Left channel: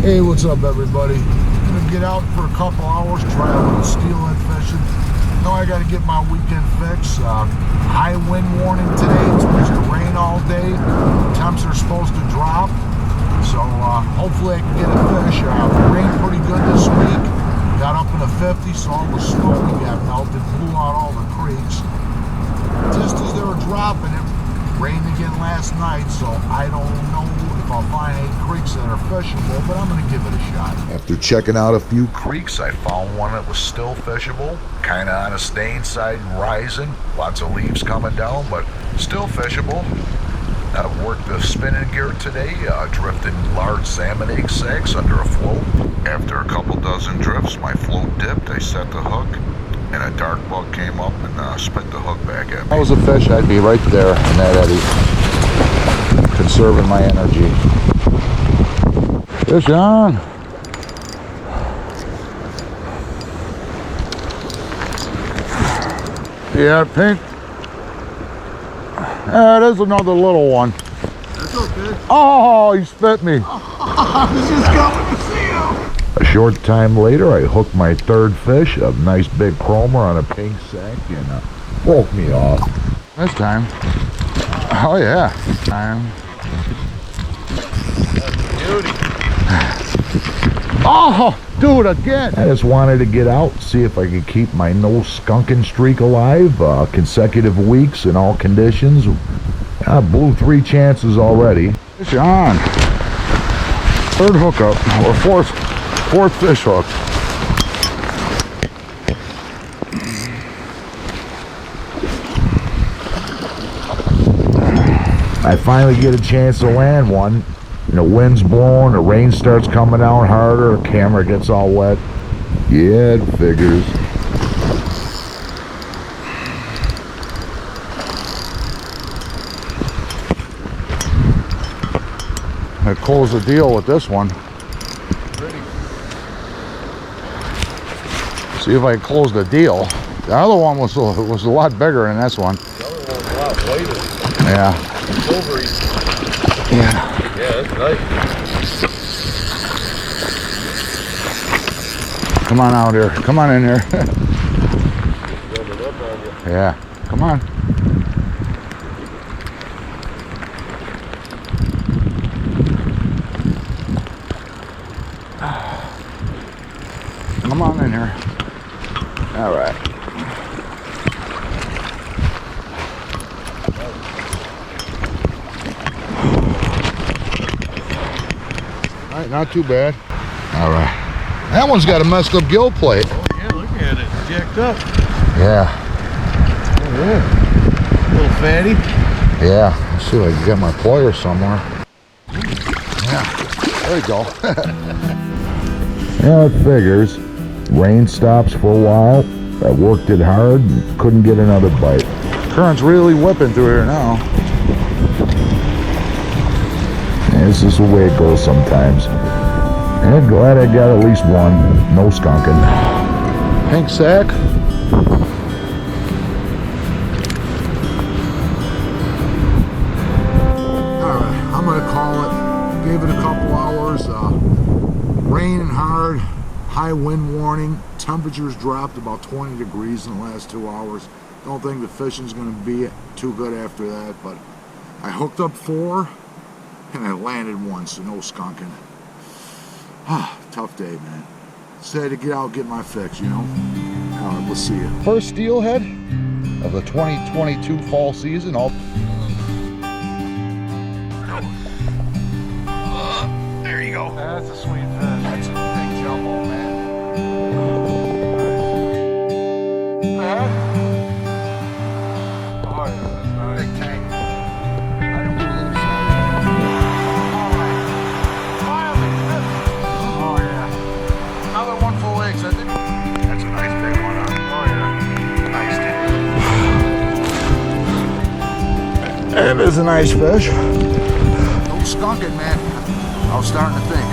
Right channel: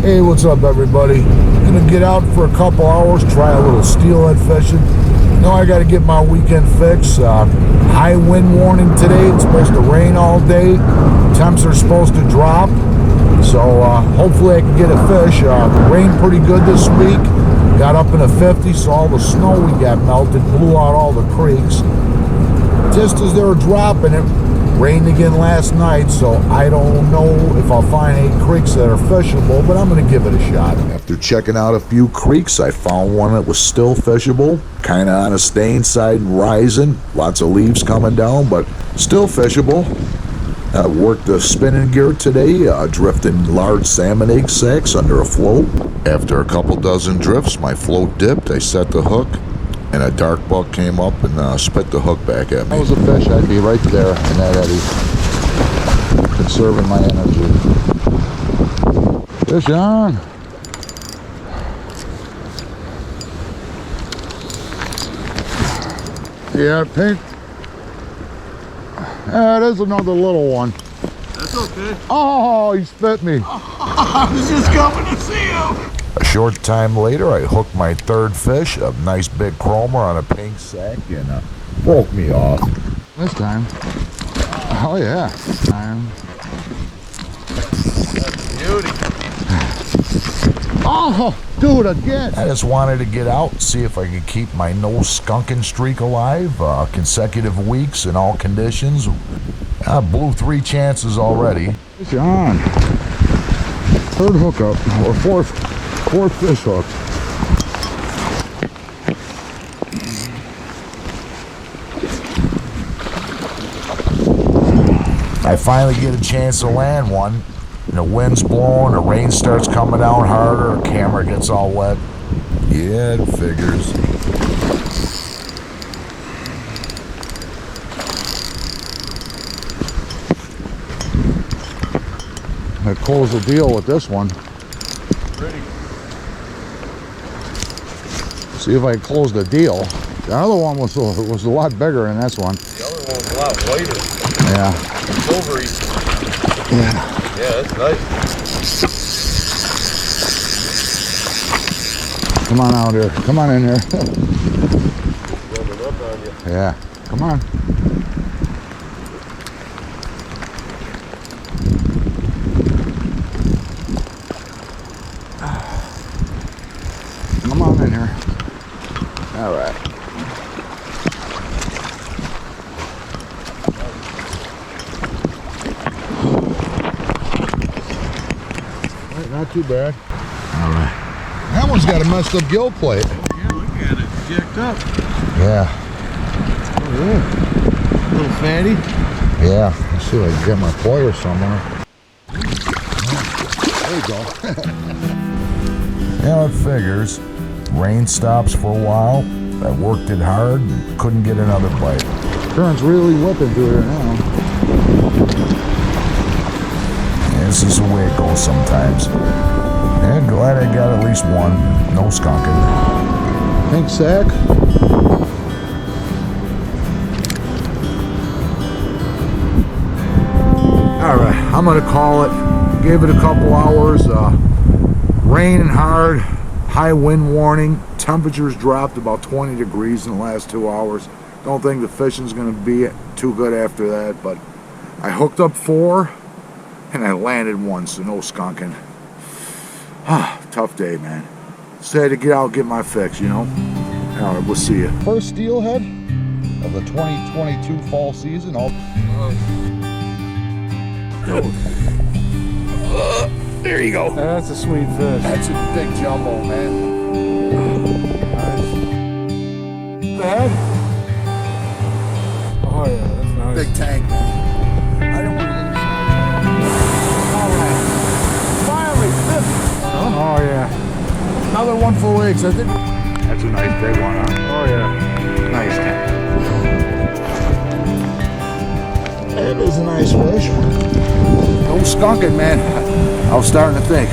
Hey, what's up, everybody? Gonna get out for a couple hours, try a little steelhead fishing. Know I gotta get my weekend fix. High wind warning today. It's supposed to rain all day. Temps are supposed to drop. So hopefully I can get a fish. Rained pretty good this week. Got up in the 50s, so all the snow we got melted blew out all the creeks. Just as they were dropping it, rained again last night, so I don't know if I'll find any creeks that are fishable, but I'm going to give it a shot. After checking out a few creeks, I found one that was still fishable, kind of on a staying side and rising. Lots of leaves coming down, but still fishable. I worked the spinning gear today, drifting large salmon egg sacks under a float. After a couple dozen drifts, my float dipped, I set the hook, and a dark buck came up and spit the hook back at me. If I was a fish, I'd be right there in that eddy, conserving my energy. Fish on! Yeah, pink. It is another little one. That's okay. Oh, he spit me. I was just coming to see you. A short time later, I hooked my third fish, a nice big chromer on a pink sack, and broke me off. This time. Oh yeah. Time. That's a beauty. Oh, dude, again. I just wanted to get out, see if I could keep my no skunking streak alive. Consecutive weeks in all conditions. I blew 3 chances already. Fish on. Third hookup, or fourth fish hook. I finally get a chance to land one. And the wind's blowing, the rain starts coming down harder, the camera gets all wet. Yeah, it figures. I closed the deal with this one. Pretty. See if I can close the deal. The other one was a lot bigger than this one. The other one was a lot whiter. Yeah. Silvery. Yeah. Yeah, that's nice. Come on out here. Come on in here. Rubbing up on you. Yeah. Come on. Come on in here. All right. All right, not too bad. All right. That one's got a messed up gill plate. Oh yeah, look at it. It's jacked up. Yeah. Oh yeah. A little fatty. Yeah. Let's see if I can get my pliers somewhere. Yeah. There you go. Yeah, it figures. Rain stops for a while. I worked it hard and couldn't get another bite. Current's really whipping through here now. And this is the way it goes sometimes. I'm glad I got at least one. No skunking. Pink sack. Alright, I'm gonna call it. Gave it a couple hours. Raining hard. High wind warning. Temperatures dropped about 20 degrees in the last 2 hours. Don't think the fishing's gonna be too good after that, but I hooked up 4 and I landed 1, so no skunking. Tough day, man. Just had to get out and get my fix, you know? Alright, we'll see you. First steelhead of the 2022 fall season. There you go. That's a sweet fish. That's a big jumbo, man. Oh yeah, that's nice. Big tank. Oh yeah. Another one for legs, I think. That's a nice big one. Oh yeah. Nice. That is a nice fish. No skunking, man. I was starting to think.